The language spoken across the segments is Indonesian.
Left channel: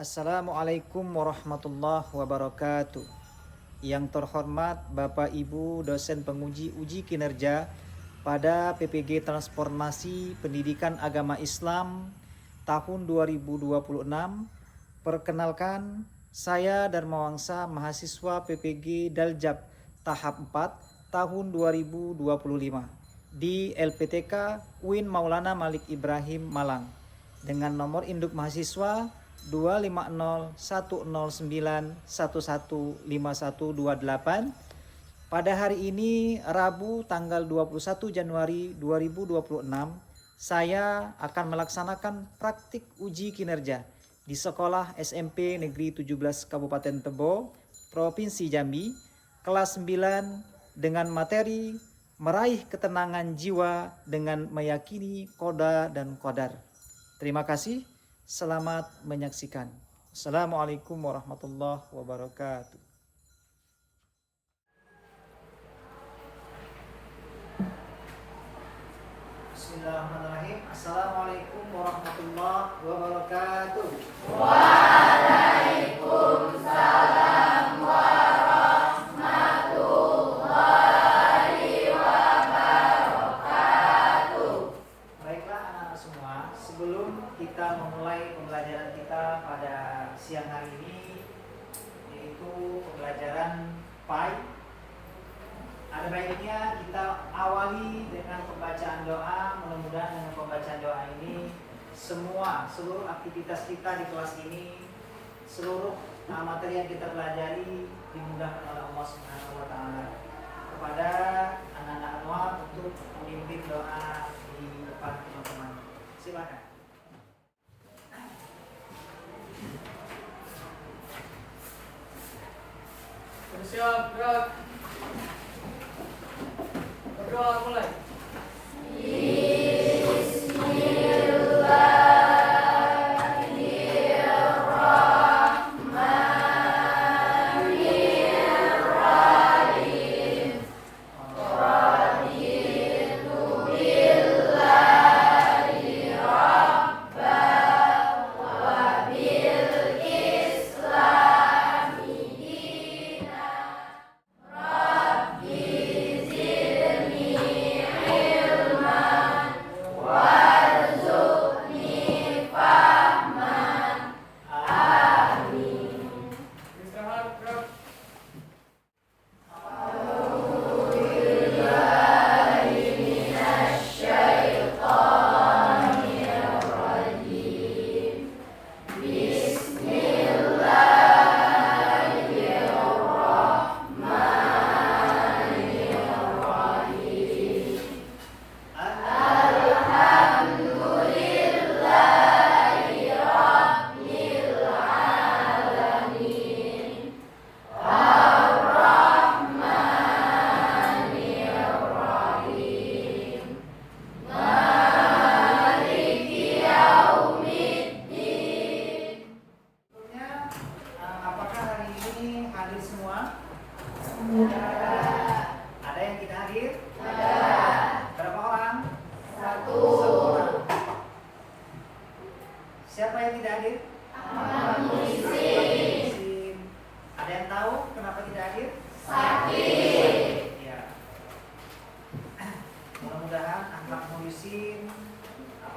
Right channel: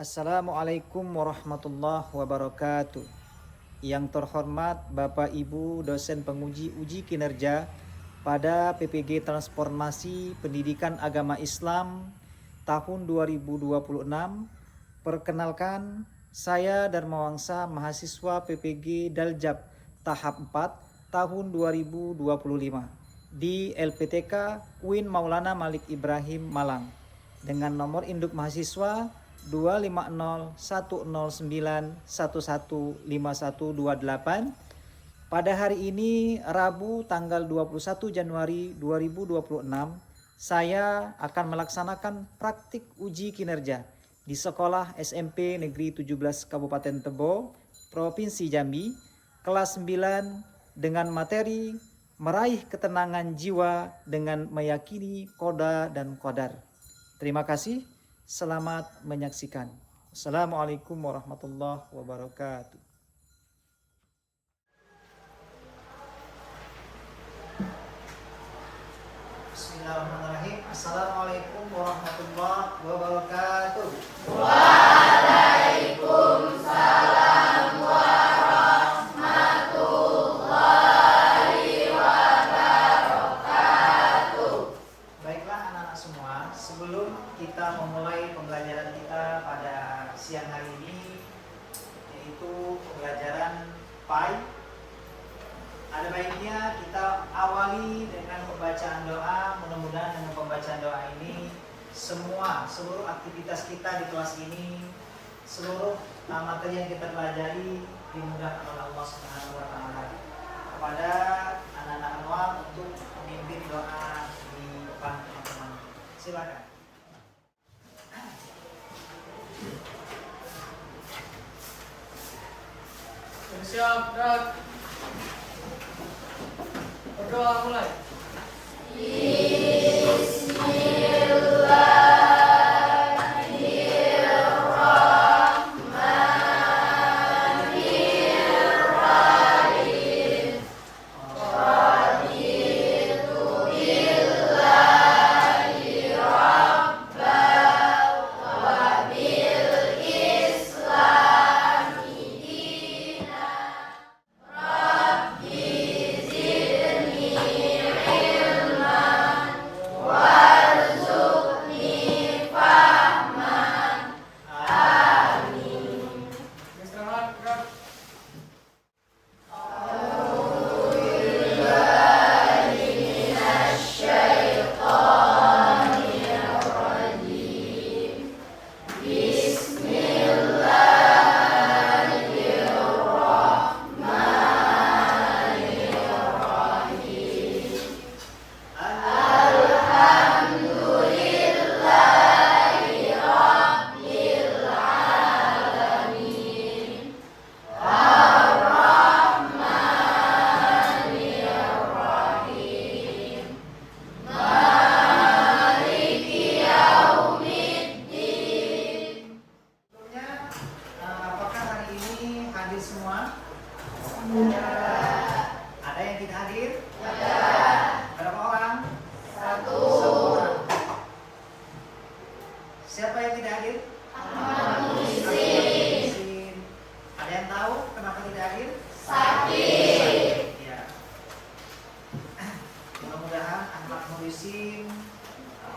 Assalamualaikum warahmatullahi wabarakatuh. Yang terhormat Bapak Ibu dosen penguji uji kinerja pada PPG Transformasi Pendidikan Agama Islam tahun 2026. Perkenalkan, saya Dharma Wangsa, mahasiswa PPG Daljab tahap 4 tahun 2025 di LPTK UIN Maulana Malik Ibrahim Malang dengan nomor induk mahasiswa 2509191115128. Pada hari ini Rabu tanggal 21 Januari 2026, saya akan melaksanakan praktik uji kinerja di Sekolah SMP Negeri 17 Kabupaten Tebo, Provinsi Jambi, kelas 9 dengan materi meraih ketenangan jiwa dengan meyakini qada dan qadar. Terima kasih. Selamat menyaksikan. Assalamualaikum warahmatullahi wabarakatuh. Bismillahirrahmanirrahim. Assalamualaikum warahmatullahi wabarakatuh. Waalaikumsalam warahmatullahi wabarakatuh. Baiklah anak-anak semua, sebelum kita memulai pembelajaran kita pada siang hari ini, yaitu pembelajaran PAI, ada baiknya kita awali dengan pembacaan doa. Mudah-mudahan dengan pembacaan doa ini seluruh aktivitas kita di kelas ini, seluruh materi yang kita pelajari dimudahkan oleh Allah Subhanahu wa taala. Kepada anak-anak awal untuk memimpin doa di depan teman-teman. Silakan. Siap, gerak. Berdoa mulai.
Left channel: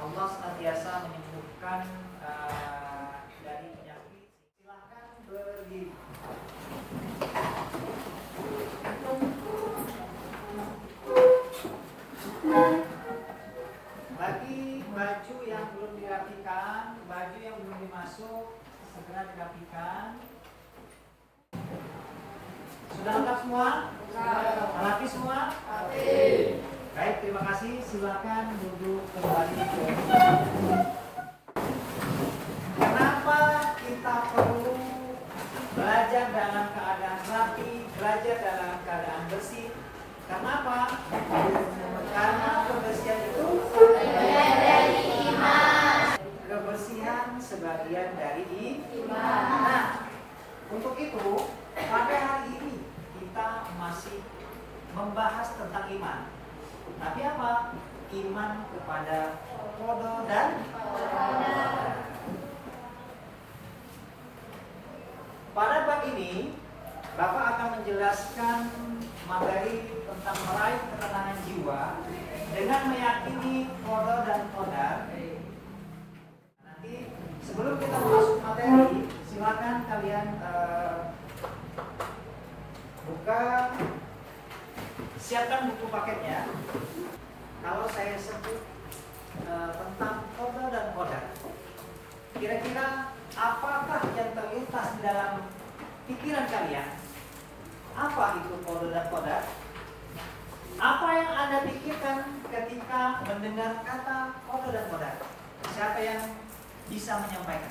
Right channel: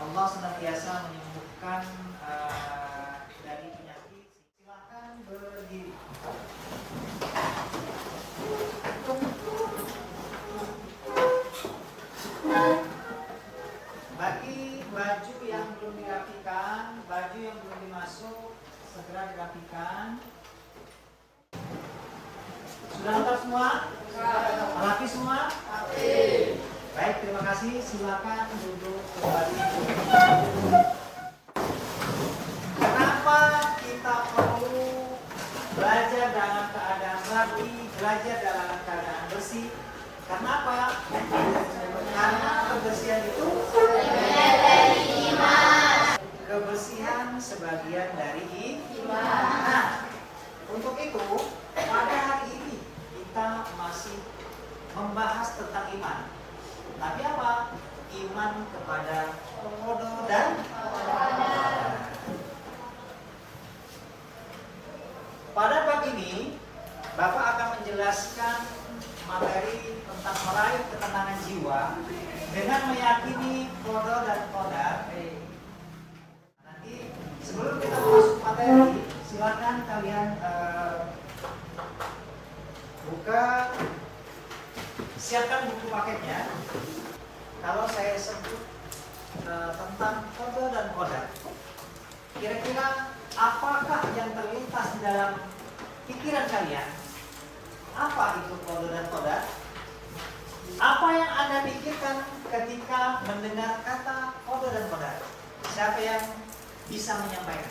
Allah senantiasa menyembuhkan dari penyakit. Silakan berdiri. Bagi baju yang belum dirapikan, baju yang belum dimasuk, segera dirapikan. Sudah lengkap semua? Rapi semua? Baik, terima kasih. Silakan duduk kembali. Kenapa kita perlu belajar dalam keadaan rapi, belajar dalam keadaan bersih? Kenapa? Karena kebersihan itu kebersihan sebagian dari iman. Nah, untuk itu pada hari ini kita masih membahas tentang iman. Tapi apa? Iman kepada qada dan qadar. Bapak akan menjelaskan materi tentang meraih ketenangan jiwa dengan meyakini qada dan qadar. Nanti sebelum kita masuk materi, silakan kalian buka, siapkan buku paketnya. Kalau saya sebut tentang qada dan qadar, kira-kira apakah yang terlintas di dalam pikiran kalian? Apa itu qada dan qadar? Apa yang Anda pikirkan ketika mendengar kata qada dan qadar? Siapa yang bisa menyampaikan?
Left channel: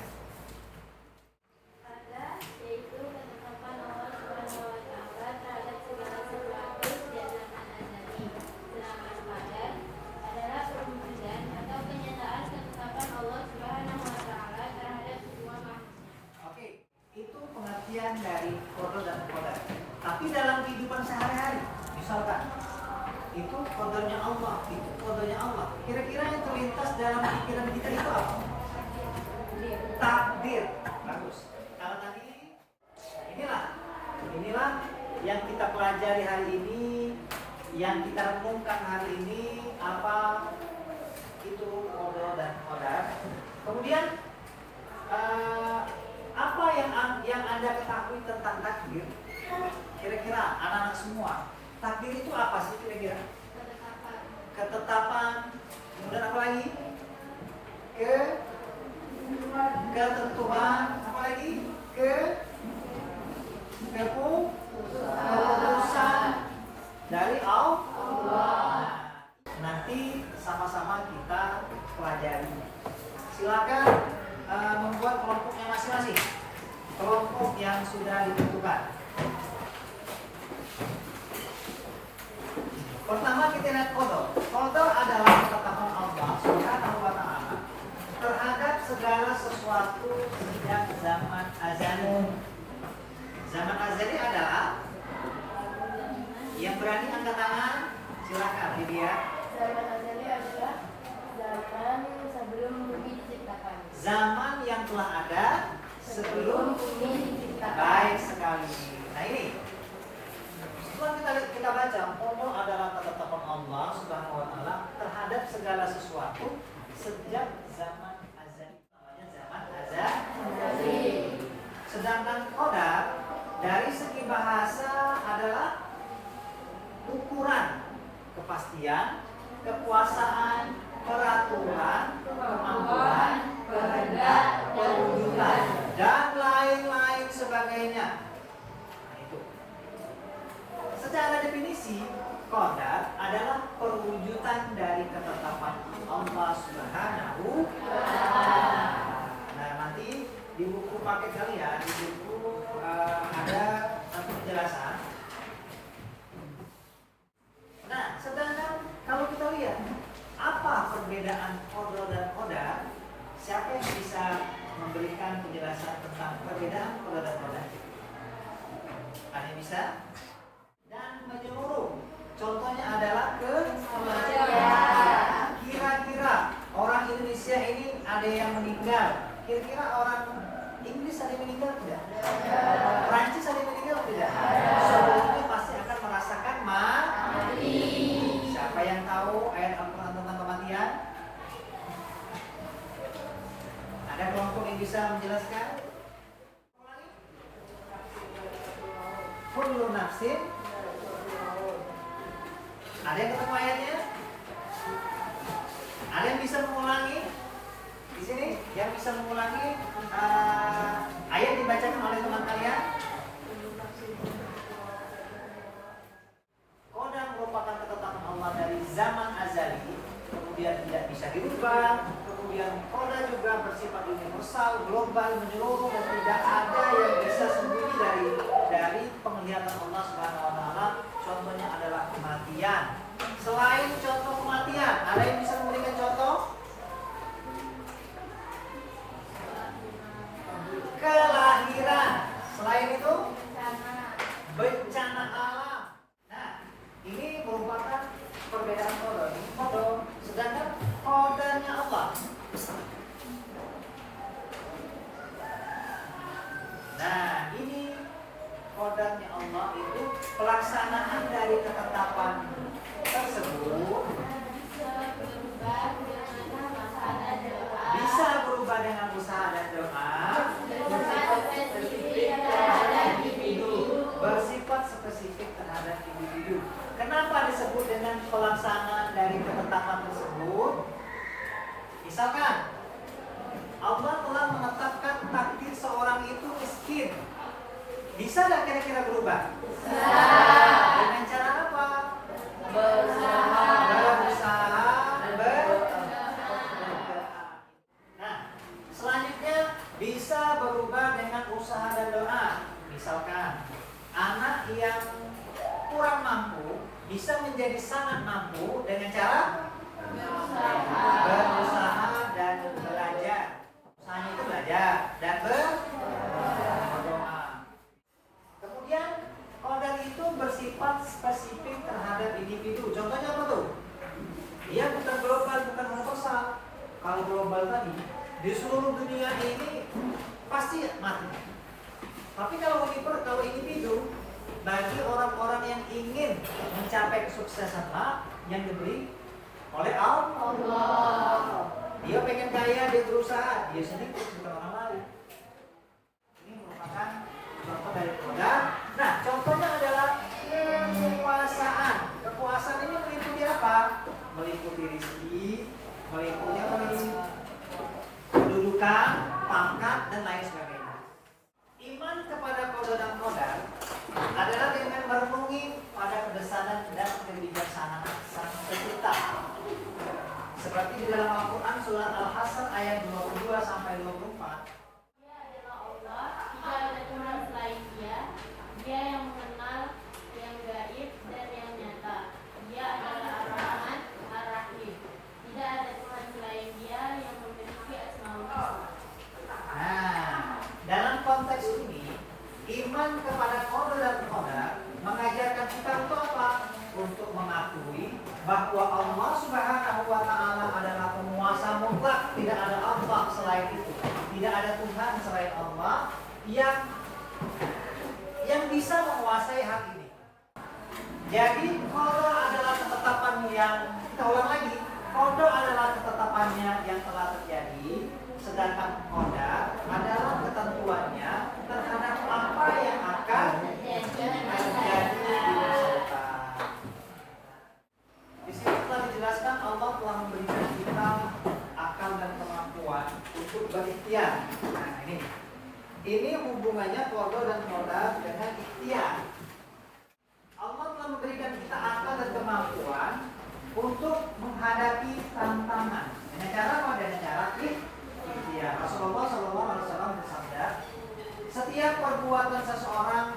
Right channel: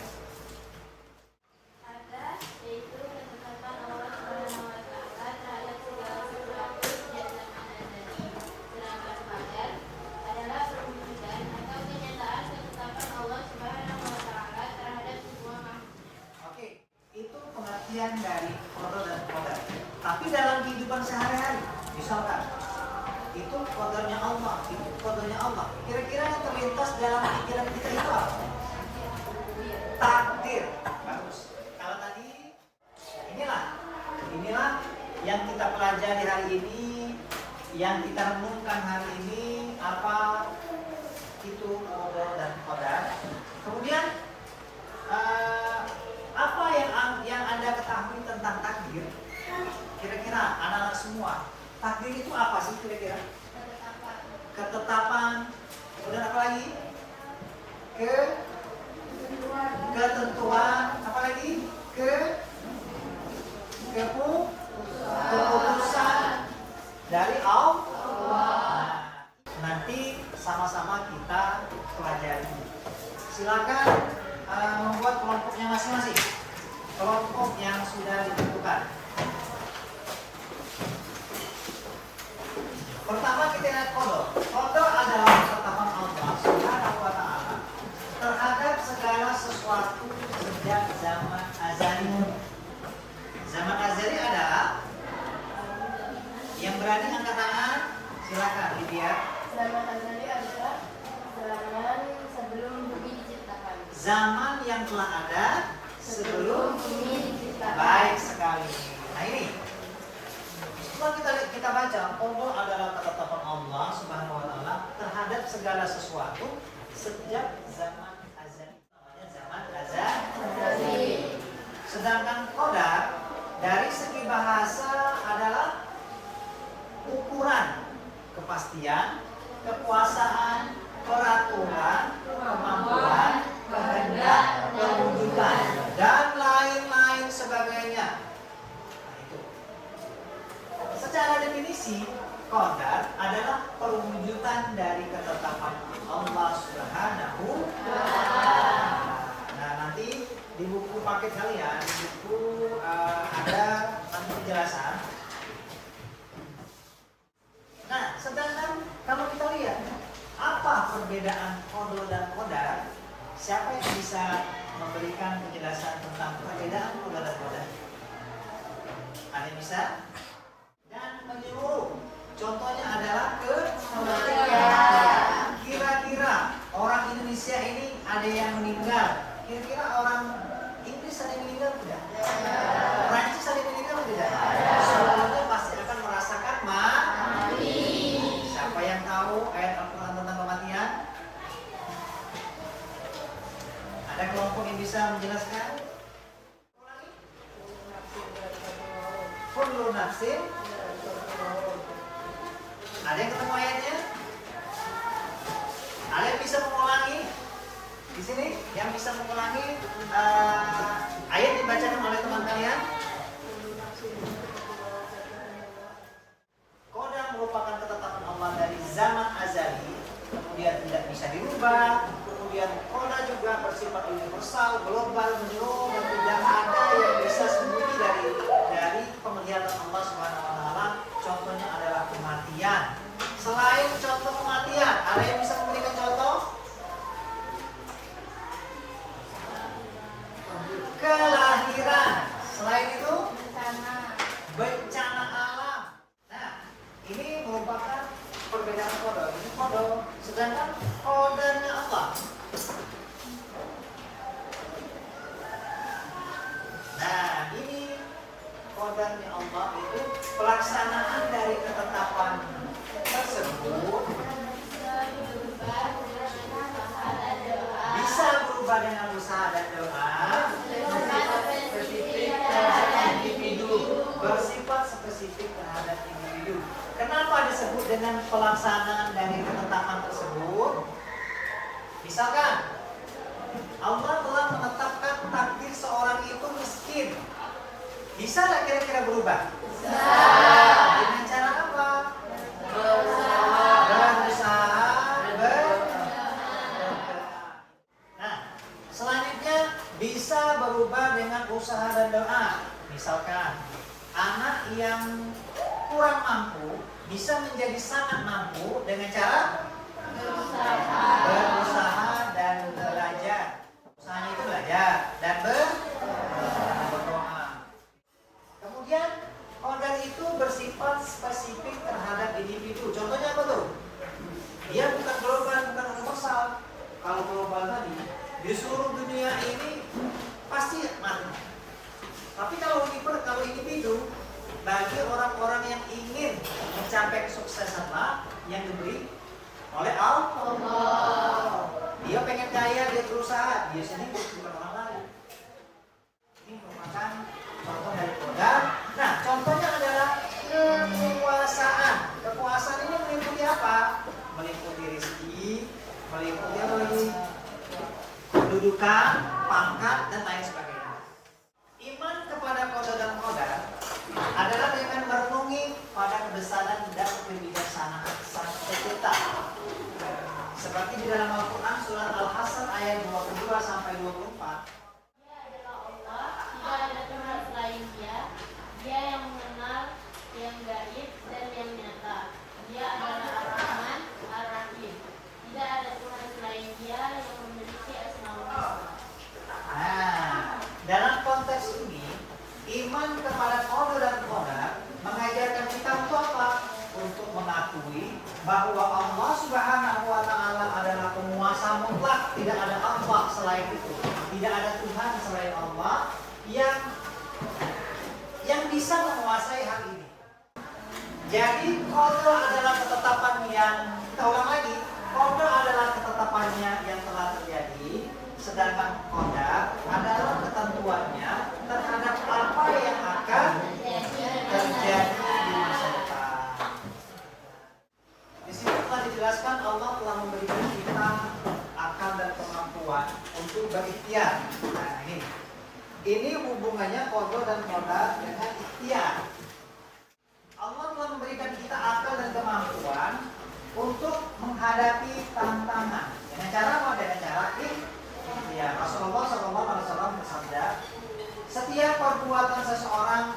Qadar yaitu ketetapan Allah Subhanahu wa taala terhadap segala sesuatu sejak zaman azali. Sedangkan qadar adalah perwujudan atau kenyataan ketetapan Allah Subhanahu wa taala terhadap semua makhluk. Oke, itu pengertian dari qada dan qadar. Tapi dalam kehidupan sehari-hari, misalkan itu qadarnya Allah, itu qadarnya Allah. Kira-kira yang terlintas dalam pikiran kita itu apa? Takdir. Bagus. Kalau tadi inilah yang kita pelajari hari ini, yang kita renungkan hari ini, apa itu qada dan qadar. Kemudian apa yang Anda ketahui tentang takdir? Kira-kira anak-anak semua, takdir itu apa sih kira-kira? Ketetapan. Kemudian apa lagi? Ketentuan. Apa lagi? Keputusan dari Allah. Nanti sama-sama kita pelajari. Silakan membuat kelompoknya masing-masing. Kelompok yang sudah ditentukan. Pertama kita lihat qadar. Qadar adalah ketetapan Allah Subhanahu wa taala terhadap segala sesuatu sejak zaman azali. Zaman azali adalah yang berani angkat tangan, silakan dilihat. Zaman azali adalah zaman sebelum bumi diciptakan. Zaman yang telah ada sebelum bumi diciptakan. baik sekali. Nah ini kita baca, qada adalah ketetapan Allah Subhanahu wa taala terhadap segala sesuatu sejak zaman azali. Namanya zaman azali. Sedangkan qadar dari segi bahasa adalah ukuran kepastian, kekuasaan, peraturan, kemampuan, kehendak, perwujudan, dan lain-lain sebagainya. Secara definisi, qadar adalah perwujudan dari ketetapan Allah Subhanahu wa taala. Nah, nanti di buku paket kalian, di buku ada penjelasan. Nah, sedangkan kalau kita lihat apa perbedaan qada dan qadar, siapa yang bisa memberikan penjelasan tentang perbedaan qada dan qadar? Ada yang bisa? Dan menyeluruh. Contohnya adalah kira-kira orang Indonesia ini ada yang meninggal. Kira-kira orang Inggris ada yang meninggal tidak? Prancis ada yang meninggal tidak? Semuanya pasti akan merasakan mati. Siapa yang tahu ayat Al-Quran tentang kematian? Ada kelompok yang bisa menjelaskan? Kullu nafsin. Ada yang ketemu ayatnya? Ada yang bisa mengulangi? Di sini yang bisa mengulangi ayat dibacakan oleh teman kalian? Qadar merupakan ketetapan Allah dari zaman azali, kemudian tidak bisa dirubah. Kemudian qadar juga bersifat universal, global, menyeluruh, dan tidak ada yang bisa sembunyi dari penglihatan Allah Subhanahu wa taala. Contohnya adalah kematian. Selain contoh kematian, ada yang bisa memberikan contoh? Kelahiran. Selain itu, bencana alam. Nah, ini merupakan perbedaan qada. Ini qada, sedangkan qadanya Allah. Nah, ini qadarnya Allah. disebut dengan pelaksanaan dari ketetapan tersebut? Misalkan Allah telah menetapkan takdir seorang itu miskin. Bisa nggak kira-kira berubah? Bisa. Dengan cara apa? Berusaha. Nah, selanjutnya bisa berubah dengan usaha dan doa. Misalkan anak yang kurang mampu bisa menjadi sangat mampu dengan cara berusaha dan belajar. Usahanya itu belajar dan berdoa. Kemudian organ itu bersifat spesifik terhadap individu. Contohnya apa tuh? Dia bukan global, bukan universal. Kalau global tadi di seluruh dunia ini pasti mati. Tapi kalau individu, bagi orang-orang yang ingin mencapai kesuksesan yang diberi oleh Allah. Dia pengen kaya, dia berusaha, dia sendiri bukan orang lain. Ini merupakan contoh dari program. Nah, contohnya adalah kekuasaan. Kekuasaan ini meliputi apa? Meliputi rezeki, meliputi apa lagi? Kedudukan, pangkat, dan lain sebagainya. Iman kepada qada dan qadar adalah dengan merenungi pada kebesaran dan kebijaksanaan Sang Pencipta. Seperti di dalam Al-Quran surat Al-Hasr ayat 22 sampai 24. Dia adalah Allah, tidak ada Tuhan selain Dia. Dia yang mengenal, yang gaib dan yang nyata. Dia adalah Ar-Rahman, Ar-Rahim. Tidak ada Tuhan selain Dia yang memiliki Asmaul Husna. Nah, dalam konteks ini, iman kepada qada dan qadar mengajarkan kita untuk apa? Untuk mengakui bahwa Allah Subhanahu wa Ta'ala adalah penguasa mutlak, tidak ada Allah selain itu, tidak ada Tuhan selain Allah yang bisa menguasai hal ini. Jadi qada adalah ketetapan yang, kita ulang lagi, qada adalah ketetapannya yang telah terjadi, sedangkan qadar adalah ketentuannya terhadap apa yang akan terjadi di masa depan. Di sini telah dijelaskan Allah telah memberikan kita akal dan kemampuan untuk berikhtiar. Nah, ini hubungannya qada dan qadar dengan ikhtiar. Allah telah memberikan kita akal dan kemampuan untuk menghadapi tantangan. Dengan cara apa? Dengan cara ikhtiar. Rasulullah SAW bersabda, setiap perbuatan seseorang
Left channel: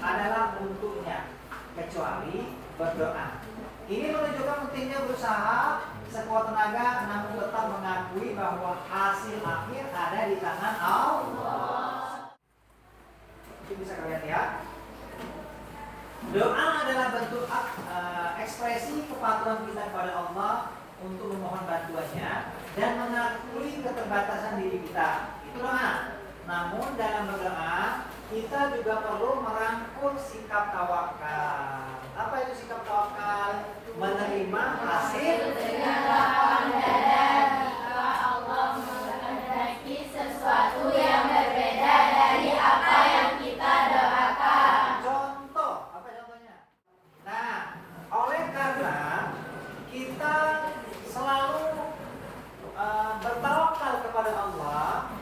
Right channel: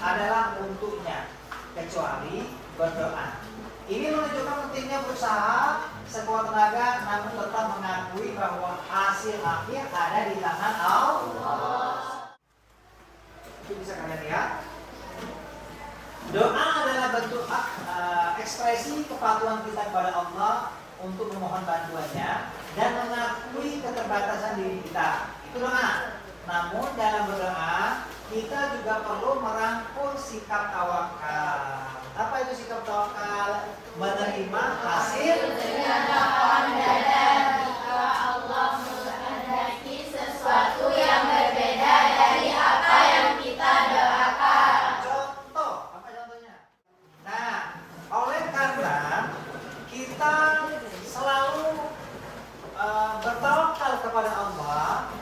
adalah untuknya kecuali berdoa. Ini menunjukkan pentingnya berusaha sekuat tenaga, namun tetap mengakui bahwa hasil akhir ada di tangan Allah. Itu bisa kalian lihat. Doa adalah bentuk ekspresi kepatuhan kita kepada Allah untuk memohon bantuannya dan mengakui keterbatasan diri kita. Itu doa. Namun dalam berdoa kita juga perlu merangkul sikap tawakal. Apa itu sikap tawakal? Menerima hasil Dengan lapang dada jika Allah menghendaki sesuatu yang berbeda dari apa yang kita doakan. Contoh, apa contohnya? Nah, oleh karena kita selalu bertawakal kepada Allah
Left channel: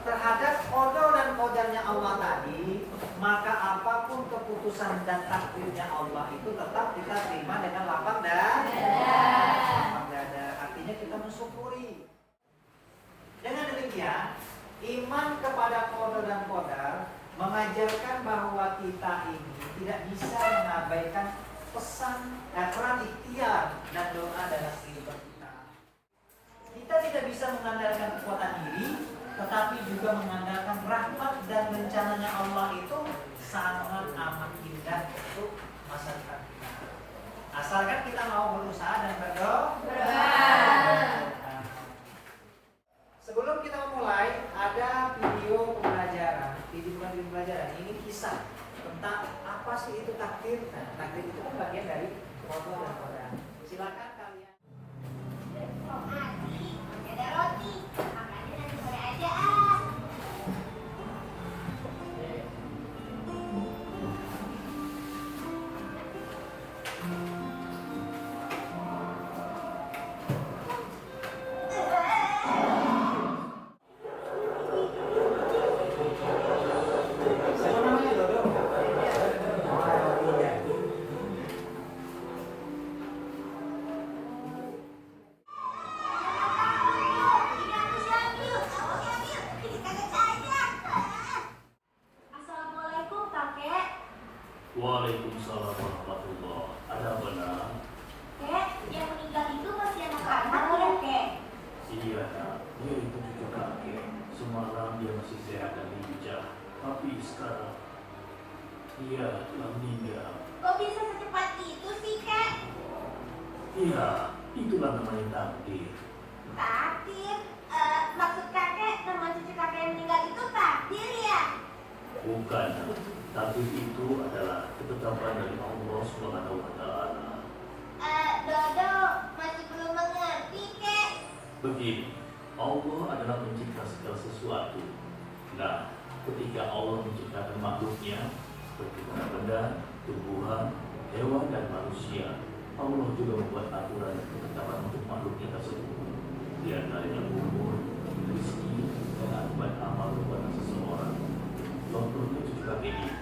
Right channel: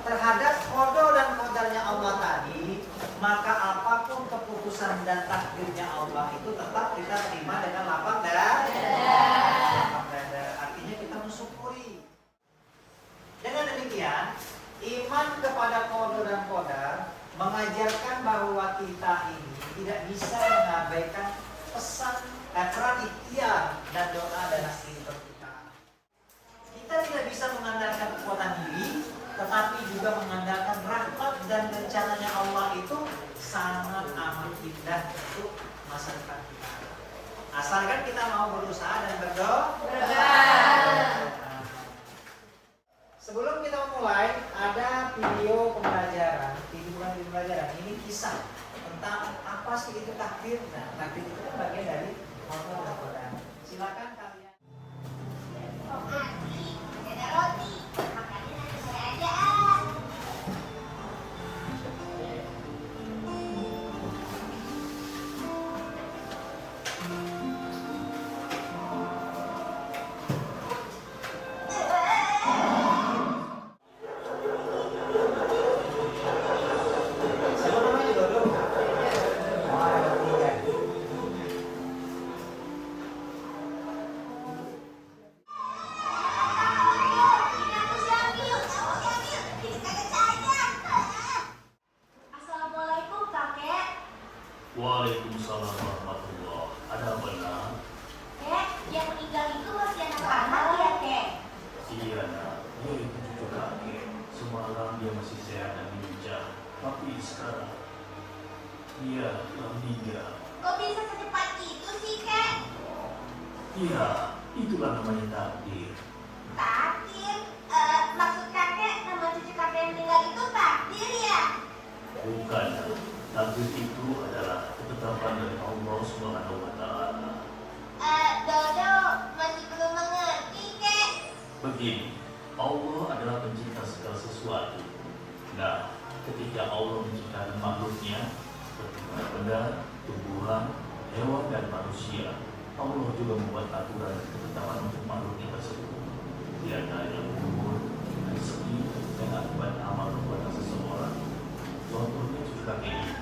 terhadap qada dan qadarnya Allah tadi, maka apapun keputusan dan takdirnya Allah itu tetap kita terima dengan lapang dada. Artinya kita mensyukuri. Dengan demikian, iman kepada qada dan qadar mengajarkan bahwa kita ini tidak bisa mengabaikan pesan peran ikhtiar dan doa dalam kehidupan kita. Kita tidak bisa mengandalkan kekuatan diri, tetapi juga mengandalkan rahmat dan rencananya Allah itu sangat amat indah untuk masa depan kita. Asalkan kita mau berusaha dan berdoa. Sebelum kita mulai, ada video pembelajaran. Video pembelajaran ini kisah tentang apa sih itu takdir. Nah, takdir itu kan bagian dari qada dan qadar. Silakan kalian. Ada roti, makannya nanti sore aja. masih sehat dan lincah, tapi sekarang ia telah meninggal. Kok bisa secepat itu sih, Kak? Iya, itulah namanya takdir. Takdir? Maksud kakek nama cucu kakek yang meninggal itu takdir ya? Bukan, takdir itu adalah ketetapan dari Allah Subhanahu wa Ta'ala. Dodo masih belum mengerti, Kek. Begini, Allah adalah pencipta segala sesuatu. Nah, ketika Allah menciptakan makhluknya seperti benda-benda, tumbuhan, hewan, dan manusia, Allah juga membuat aturan dan ketetapan untuk makhluknya tersebut. Di antaranya umur, rezeki, dan akibat amal perbuatan seseorang. Contohnya cucu kakek ini,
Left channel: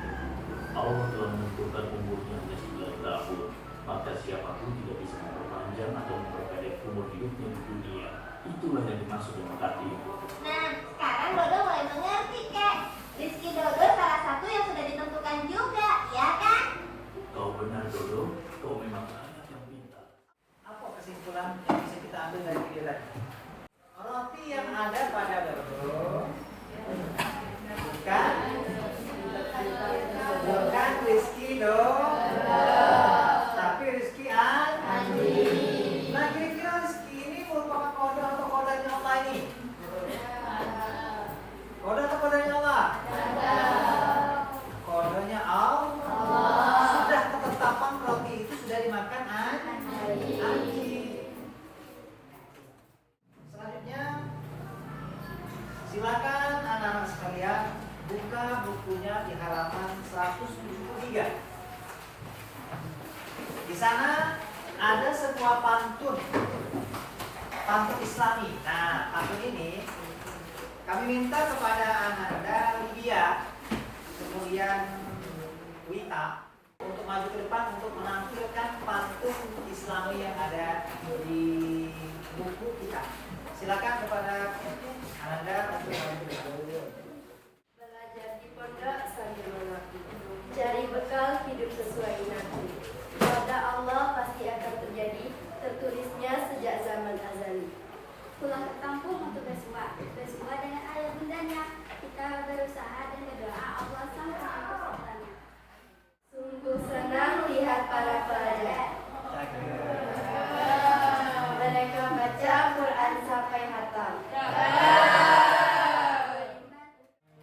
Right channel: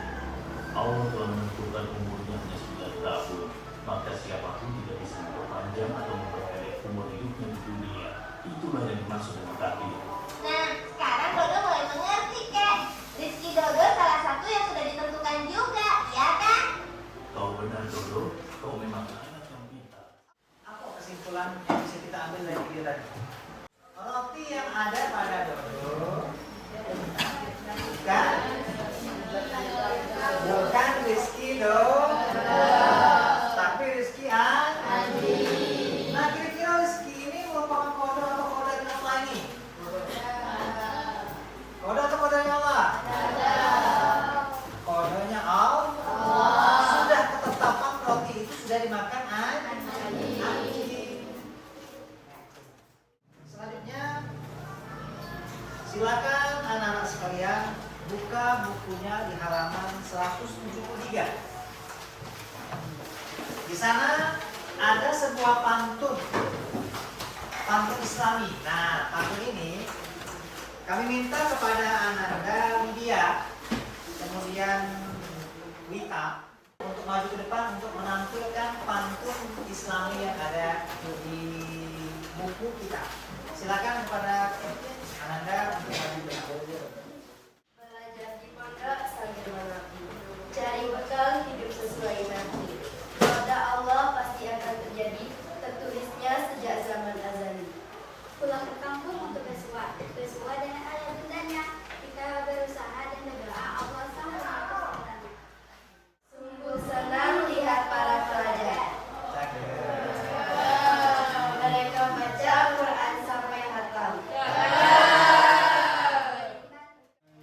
Allah telah menentukan umurnya hanya 9 tahun, maka siapapun tidak bisa memperpanjang atau memperpendek umur hidupnya di dunia. Itulah yang dimaksud dengan takdir. Nah, sekarang Dodo mulai mengerti, Kek. Rizki Dodo salah satu yang sudah ditentukan juga, ya kan? Kau benar, Dodo. Kau memang anak yang pintar. Apa kesimpulan yang bisa kita ambil dari video tadi? Roti yang ada pada Dodo bukan rezeki Dodo, tapi rezeki Andi. Nah, kira-kira rezeki ini merupakan kode atau kode dari Allah ini? Kode atau kode dari Allah? Kodenya Allah. Sudah ketetapan roti itu sudah dimakan Andi. Selanjutnya, silakan anak-anak sekalian buka bukunya di halaman 173. Di sana ada sebuah pantun Islami. Nah, pantun ini kami minta kepada Ananda, Lydia, kemudian Wita untuk maju ke depan untuk menampilkan pantun Islami yang ada di buku kita. Silakan kepada Ananda untuk maju ke depan. Belajar di pondok sambil mengabdi, cari bekal hidup sesuai nabi. Pada Allah pasti akan terjadi, tertulisnya sejak zaman azali. Pulang ke kampung untuk bersuah dengan ayah bundanya. Kita berusaha dan berdoa Allah sang penciptanya. Sungguh senang lihat para pelajar. Mereka baca Quran sampai hatam.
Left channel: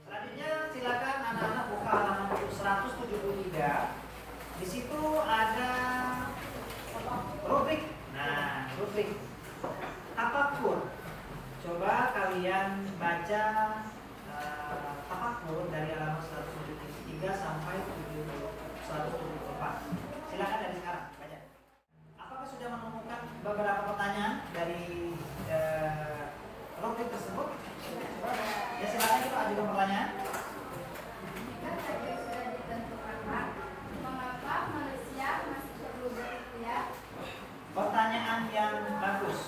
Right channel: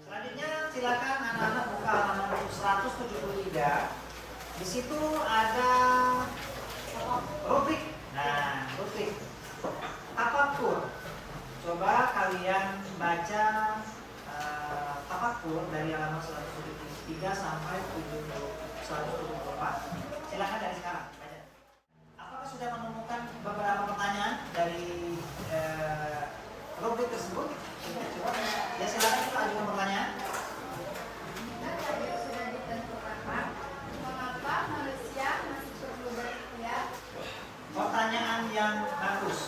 Selanjutnya silakan anak-anak buka halaman 173. Di situ ada rubrik. Nah, rubrik tafakur. Coba kalian baca tafakur dari halaman 173 sampai 174. Silakan dari sekarang baca. Apakah sudah menemukan beberapa pertanyaan dari rubrik tersebut? Ya, silakan kita ajukan pertanyaan. Mengapa manusia masih perlu berikhtiar? Pertanyaan yang bagus.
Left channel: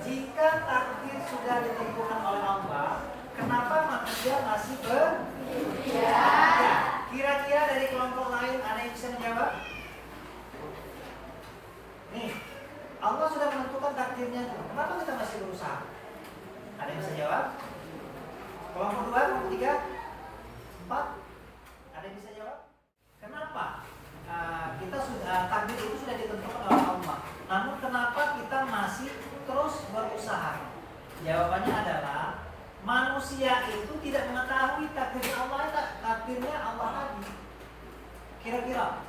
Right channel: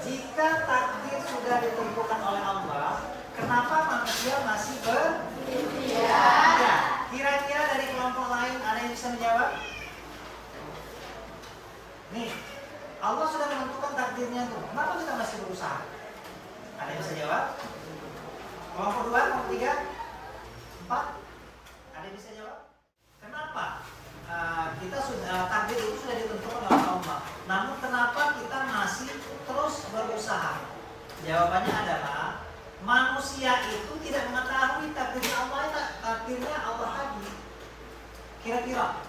Jika takdir sudah ditentukan oleh Allah, kenapa manusia masih berikhtiar? Ya, kira-kira dari kelompok lain ada yang bisa menjawab? Nih, Allah sudah menentukan takdirnya tuh. Kenapa kita masih berusaha? Ada yang bisa jawab? Kelompok 2, kelompok 3, 4? Ada yang bisa jawab? Kenapa? Kita sudah takdir itu sudah ditentukan oleh Allah. Namun kenapa kita masih terus berusaha? Jawabannya adalah manusia itu tidak mengetahui takdirnya Allah tadi. Kira-kira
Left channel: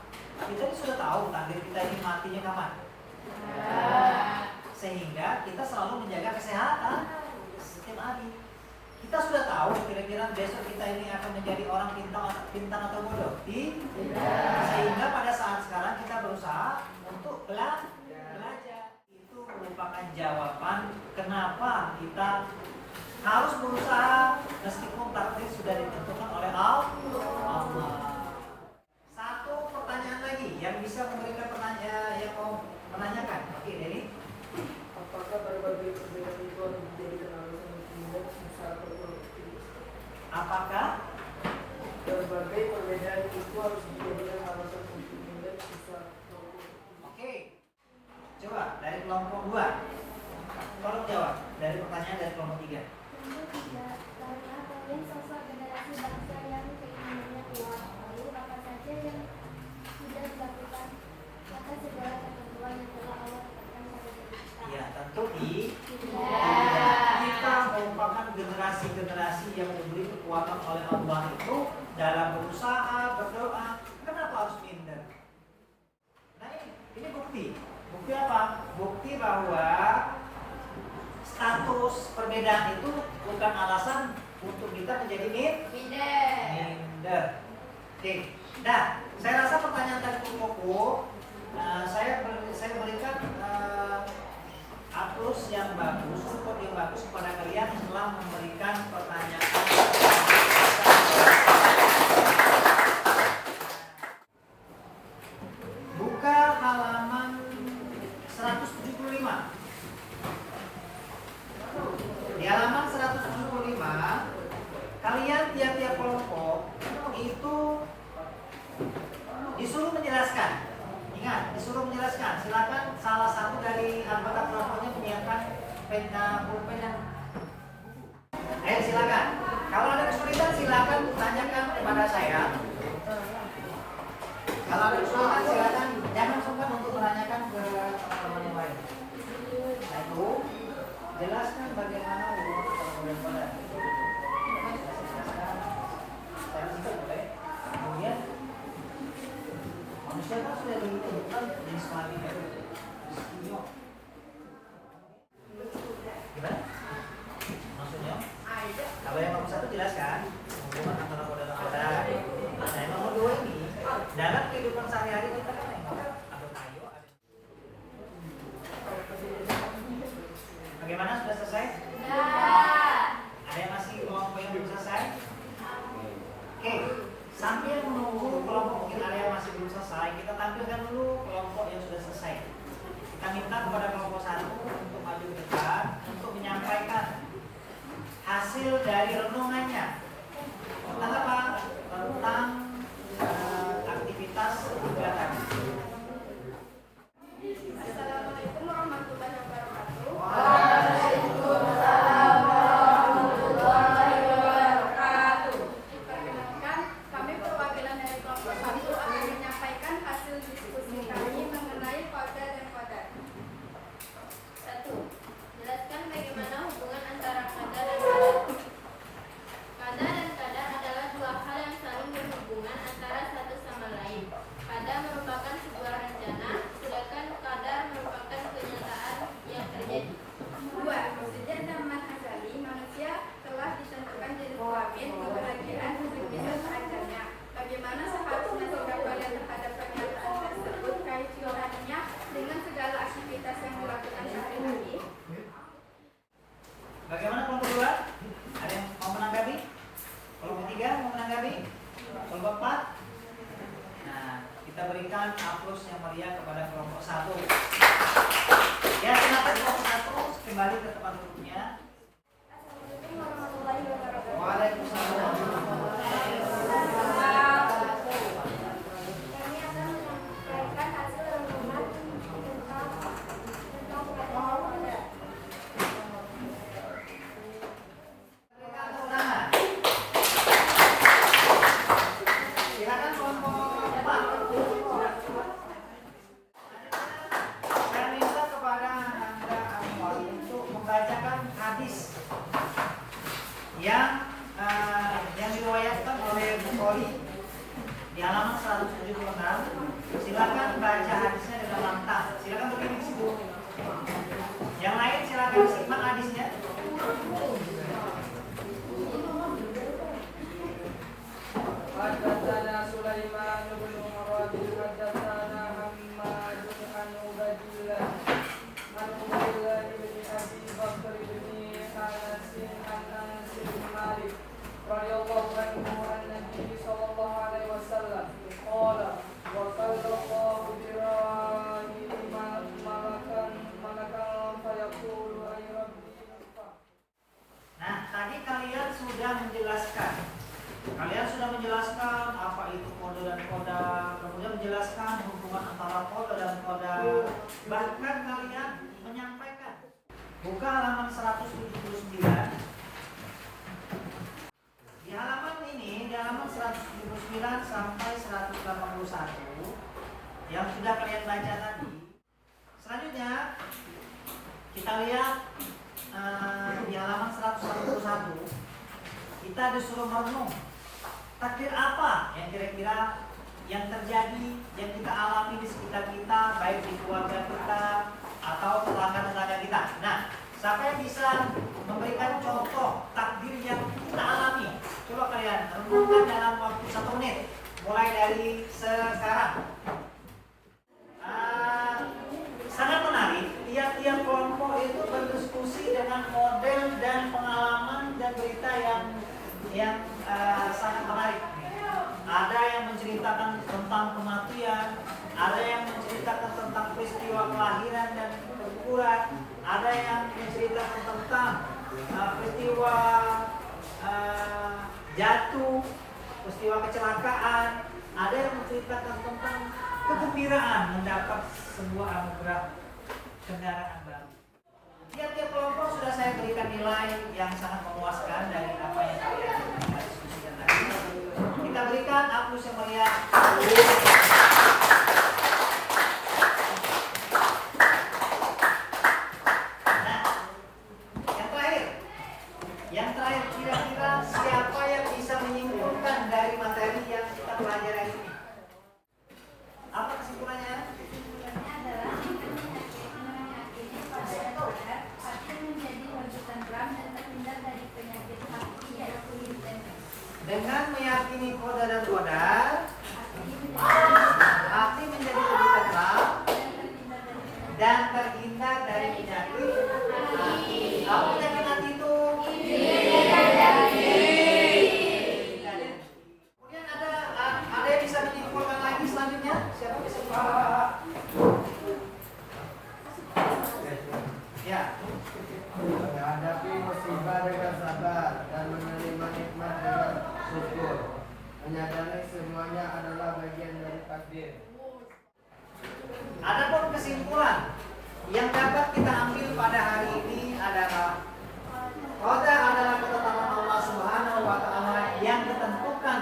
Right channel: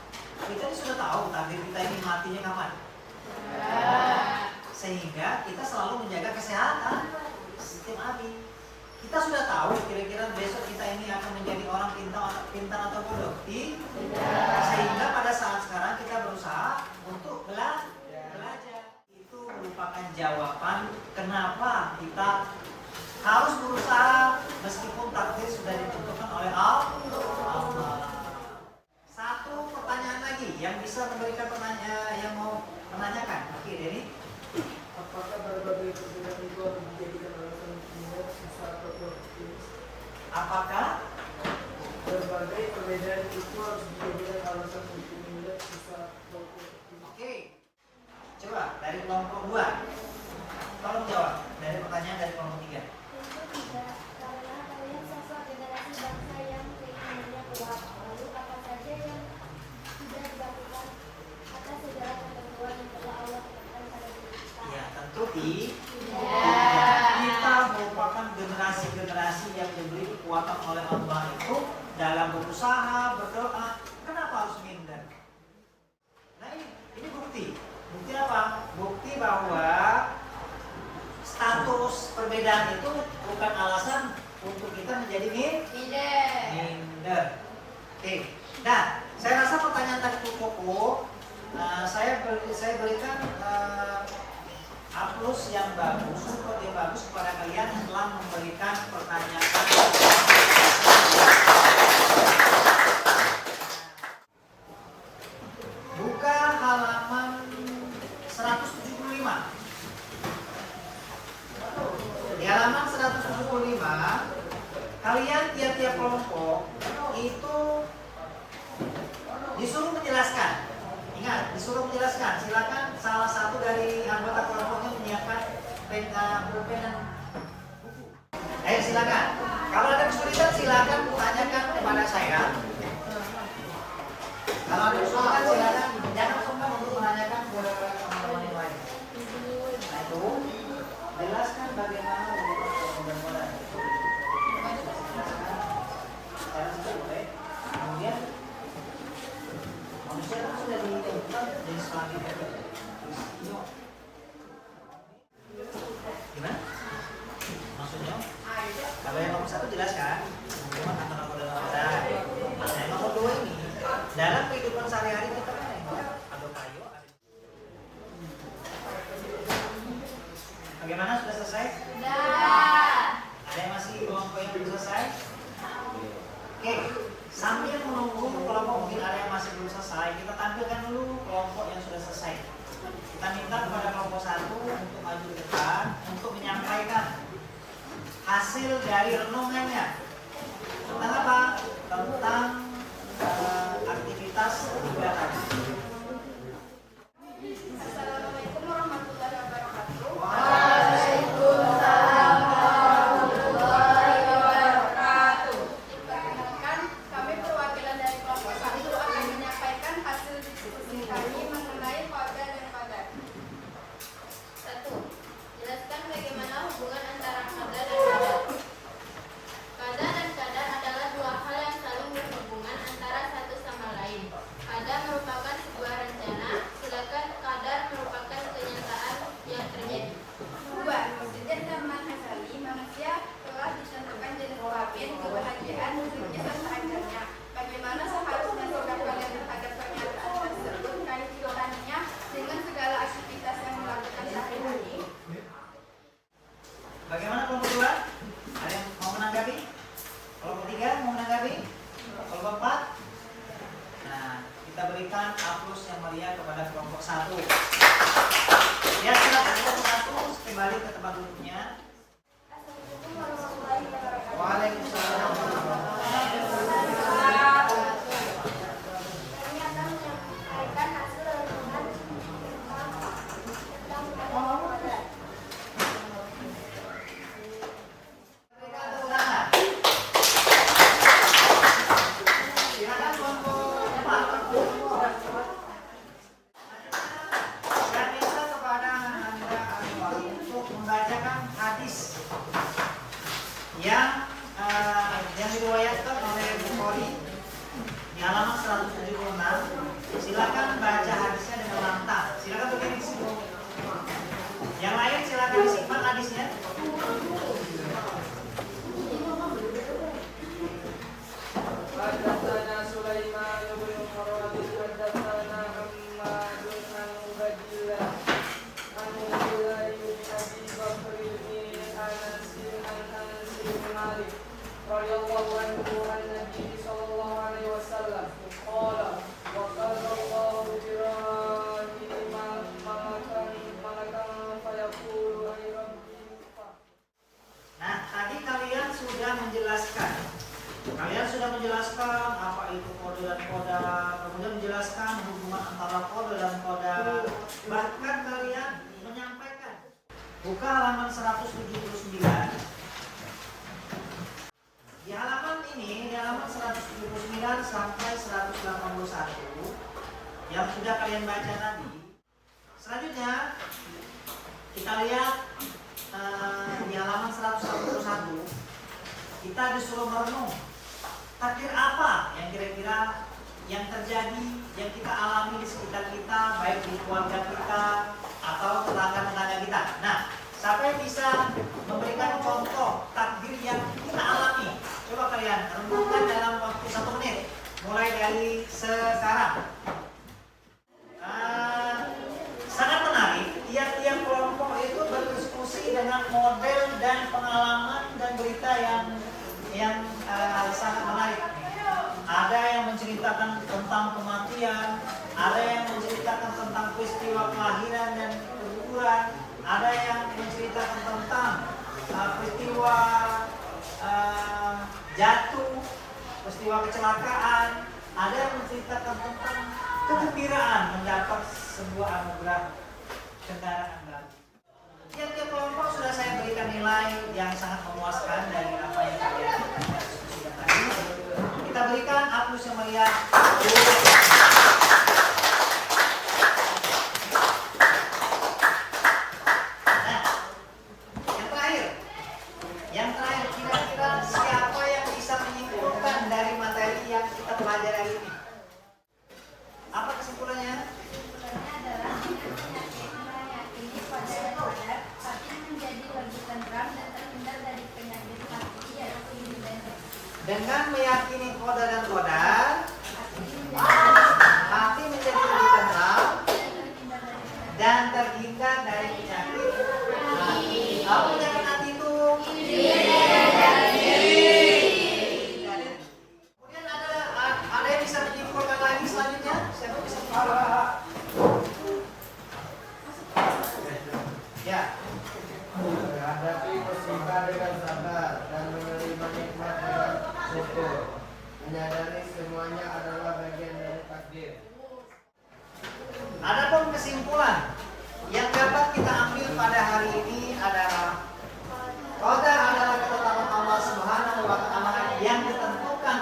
kita sudah tahu takdir kita ini matinya kapan? Sehingga kita selalu menjaga kesehatan setiap hari. Kita sudah tahu kira-kira besok kita ini akan menjadi orang pintar atau bodoh. Sehingga pada saat sekarang kita berusaha untuk belajar. Itu merupakan jawaban kenapa kita harus berusaha meskipun takdir sudah ditentukan oleh Allah. Satu pertanyaan lagi yang bisa memberikan pertanyaan yang mau menanyakan. Oke, Denny. Apakah berbagai perbedaan itu menjadikan alasan untuk sisa produktif? Apakah Berbagai perbedaan itu harus dijadikan alasan untuk menilai sisa produktif. Oke. Coba dari kelompok 2. Tolong jawab dari pertanyaan dari kelompok 3. Karena kalian bukti? Kita merupakan generasi-generasi yang diberi kekuatan oleh Allah itu dalam berusaha, berdoa. Kenapa harus minder? Nah ini bukti. Bukti apa? Bukti bahwa status perbedaan itu bukan alasan untuk kita menjadi minder. Oke. Nah, saya rasa pertanyaan tadi cukup. Saya berikan aplaus yang bagus, support yang bagus kepada kalian yang telah memberikan pertanyaan. Buka halaman 175. Di halaman 175, kalian tiap-tiap kelompok itu disuruh menjelaskan. Ingat, disuruh menjelaskan. Silakan salah satu dari anggota kelompoknya menyiapkan pena, pulpen dan buku. Silakan. Kalau ada kesulitan silakan tanyakan kepada saya. Kalau ada kesulitan silakan jangan sungkan untuk menanyakan kepada orang lain. Nah itu jelaskan bagaimana kemudian manusia itu sudah ditentukan jenis kelamin baru. Gimana? Maksudnya? Kalau yang nomor 1 jelaskan, kemudian nakoda. Nah yang nomor 2 ini dalam kehidupan sehari-hari kita kan ada payo. Bagaimana, sudah selesai? Ada yang masih mau yang belum selesai? Oke, sambil menunggu kelompok mungkin ada yang masih belum selesai, kita tampilkan dulu kelompok yang sudah selesai. Kita minta kepada kelompok 1 untuk maju ke depan untuk menyampaikan hasil dari renungannya tentang apa? Tentang aktivitas kegiatan. Assalamualaikum warahmatullahi wabarakatuh. Waalaikumsalam warahmatullahi wabarakatuh. Perkenalkan, kami perwakilan dari kelompok 1 akan menyampaikan hasil diskusi kami mengenai qada dan qadar. 1. Jelaskan bagaimana hubungan antara qada dan qadar. Qada dan qadar adalah dua hal yang saling berhubungan antara satu sama lain. Qada merupakan sebuah rencana, sedangkan qadar merupakan kenyataan yang terjadi. 2. Sejak zaman Azali, manusia telah ditentukan jenis kelamin, kebahagiaan, hidupnya dan ajalnya. Bagaimana seharusnya sikap kalian terhadap pernyataan tersebut, kaitannya dengan segala aktivitas yang dilakukan sehari-hari? Bagaimana kelompok 2? Ada yang mau menanggapi? Kelompok 3 mau menanggapi? Kelompok 4? Nah, kita berikan aplaus yang meriah kepada kelompok 1. Ya, silakan kelompok 1 kembali ke tempat duduknya. Assalamualaikum warahmatullahi wabarakatuh. Waalaikumsalam. Kami akan menyampaikan hasil renungan tentang qada. Nah, silakan kelompok 4. Saya minta kepada Anda untuk membacakan hadis yang diriwayatkan oleh Bukhari di halaman 176. Silakan baca hadisnya dengan lantang. Silakan berdiri di situ. Yang lain silakan disimak hadisnya. Haddatsana Sulaiman bin Murad haddatsana Muhammad bin Ubaidillah an Abdullah bin Abi Bakr bin Anas bin Malik radhiyallahu anhu an Nabi sallallahu alaihi wasallam qala wa qala Allahu bi malakan fayaqulu ay rabbi. Nah, tadi kalian sudah menjelaskan. Kalian sudah menjelaskan apa itu kode dan koda, kemudian menjelaskan hubungan antara kode dan koda. Bahkan kalian menyampaikan. Buka halaman 179. Di halaman ini, di halaman 179 sampai 181 yang sudah kalian baca tadi. Selanjutnya, kita lihat di halaman 141, kita disuruh merenung takdir apa yang kira-kira yang terjadi, yang kita alami di sekitar kita, baik di keluarga kita atau tetangga-tetangga kita. Nah, siapa yang bisa memberikan contoh takdir yang kita alami? Coba kalian renungkan dalam waktu 1 menit, mulai dari sekarang. Sangat menarik, tiap-tiap kelompok itu berdiskusi dengan model dan pengalaman dan berita yang sangat menarik. Ada yang menceritakan tentang kematian, ada yang menceritakan tentang peristiwa kelahiran dan keguguran, ada yang menceritakan tentang peristiwa jatuh, peristiwa kecelakaan, ada yang menceritakan tentang kegembiraan mendapat sebuah anugerah kendaraan baru. Tiap-tiap kelompok sudah saya berikan nilai yang sangat memuaskan dari apa yang kalian diskusikan tadi. Kita berikan Agus yang melihat. Yang terakhir, kira-kira siapa yang bisa menyimpulkan dari materi yang kita pelajari hari ini? Apa kesimpulannya? Kesimpulannya adalah meyakini pada qadar, hati menjadi lebih tenteram dan terhindar dari penyakit hati yaitu iri dan dengki. Dengan meyakini qadar dan qadar, hati menjadi lebih tenang dan terhindar dari penyakit hati. Apa penyakit hati itu? Kemudian ada yang bisa menyimpulkan lagi selanjutnya? Siapa bisa menyimpulkan? Ya. Menghadapi musibah dengan sabar dan menerima nikmat dengan syukur, menyadari semuanya adalah bagian dari takdir. Adapun kesimpulan yang dapat kita ambil pada hari ini adalah qadar adalah ketetapan Allah Subhanahu wa taala yang ditentukan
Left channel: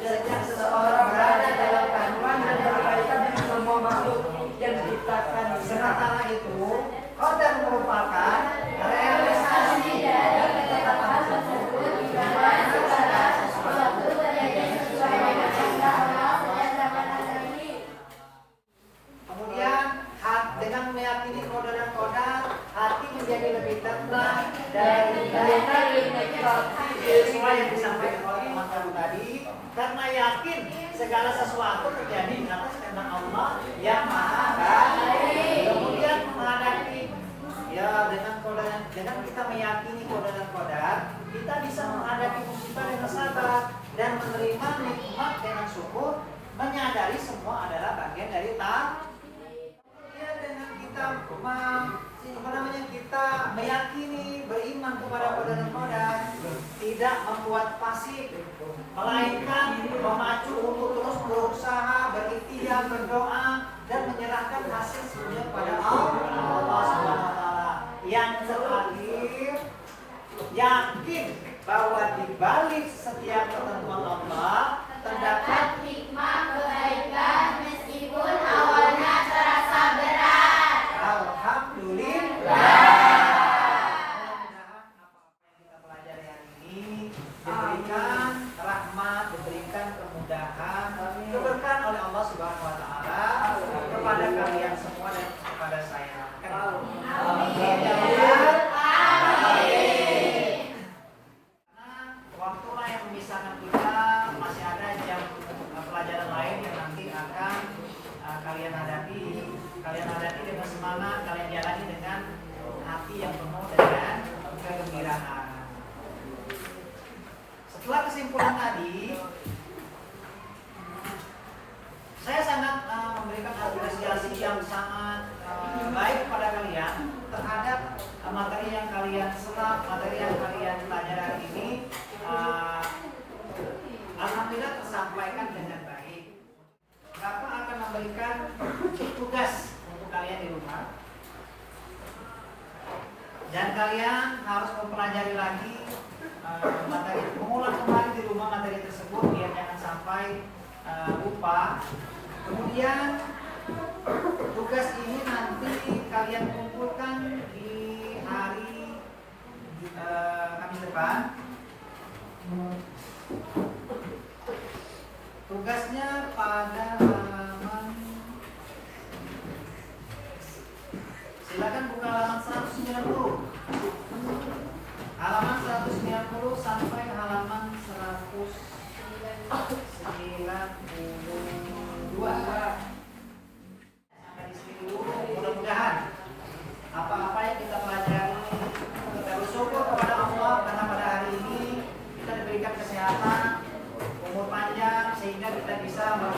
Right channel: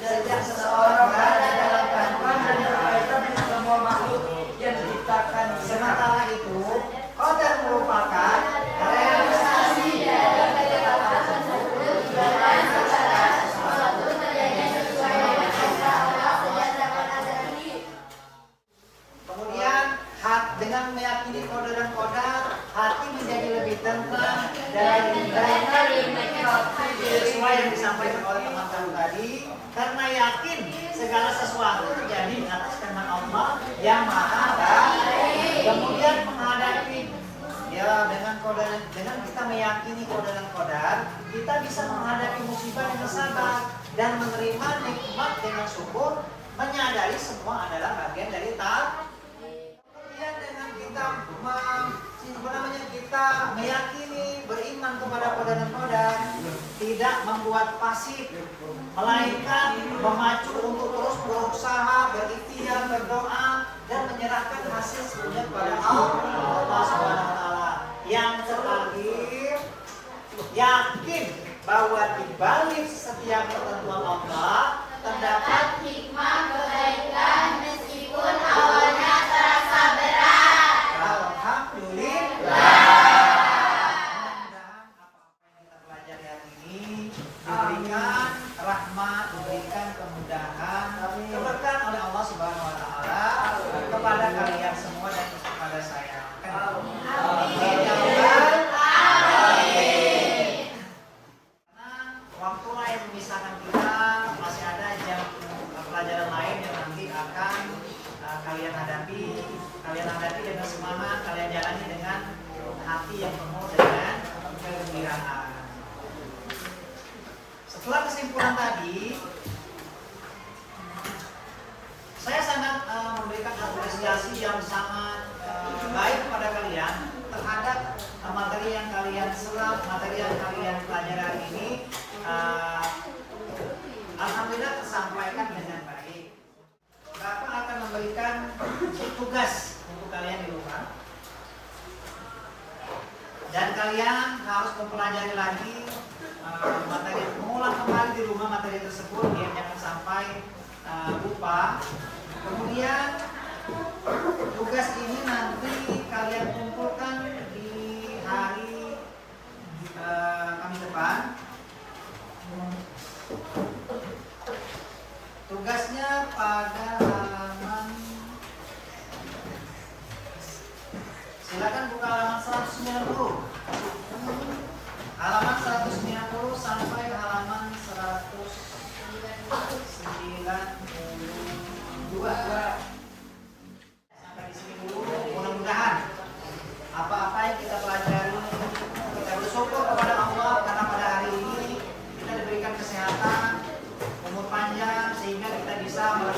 sejak seseorang berada dalam kandungan dan berkaitan dengan semua makhluk yang diciptakan. Sementara itu, qadar merupakan realisasi dari ketetapan tersebut di mana segala sesuatu terjadi sesuai dengan perintah Allah berdasarkan azali. Kemudian dengan meyakini qadar dan qadar, hati menjadi lebih tenang dan sesuai yang disampaikan oleh teman-teman tadi, karena yakin segala sesuatu terjadi atas kehendak Allah yang Maha Baik. Kemudian menghadapi dengan kita meyakini qadar dan qadar, kita bisa menghadapi musibah dengan sabar dan menerima nikmat dengan syukur, menyadari semua adalah bagian dari takdir. Dengan kita meyakini, beriman kepada qadar dan qadar, tidak membuat pasif, melainkan memacu untuk terus berusaha, berikhtiar, berdoa, dan menyerahkan hasil sepenuhnya kepada Allah Subhanahu wa taala. Yang terakhir, yakin bahwa di balik setiap ketentuan Allah terdapat hikmah kebaikan meskipun awalnya terasa berat. Alhamdulillah. Mudah-mudahan apa-apa yang kita pelajari hari ini diberikan rahmat, diberikan kemudahan, keberkahan oleh Allah Subhanahu wa taala kepada kalian semua dan kepada saya. Waktulah yang memisahkan kita, masih ada jam pelajaran lain yang nanti akan kalian hadapi dengan semangat, kalian jalani dengan hati yang penuh dengan kegembiraan. Setelah kesimpulan tadi, saya sangat memberikan apresiasi yang sangat baik kepada kalian terhadap materi yang kalian serap, materi yang kalian pelajari ini. Alhamdulillah tersampaikan dengan baik. Bapak akan memberikan tugas untuk kalian di rumah, dan kalian harus mempelajari lagi materi, mengulang kembali di rumah materi tersebut biar jangan sampai lupa. Kemudian tugas ini nanti kalian kumpulkan di bisa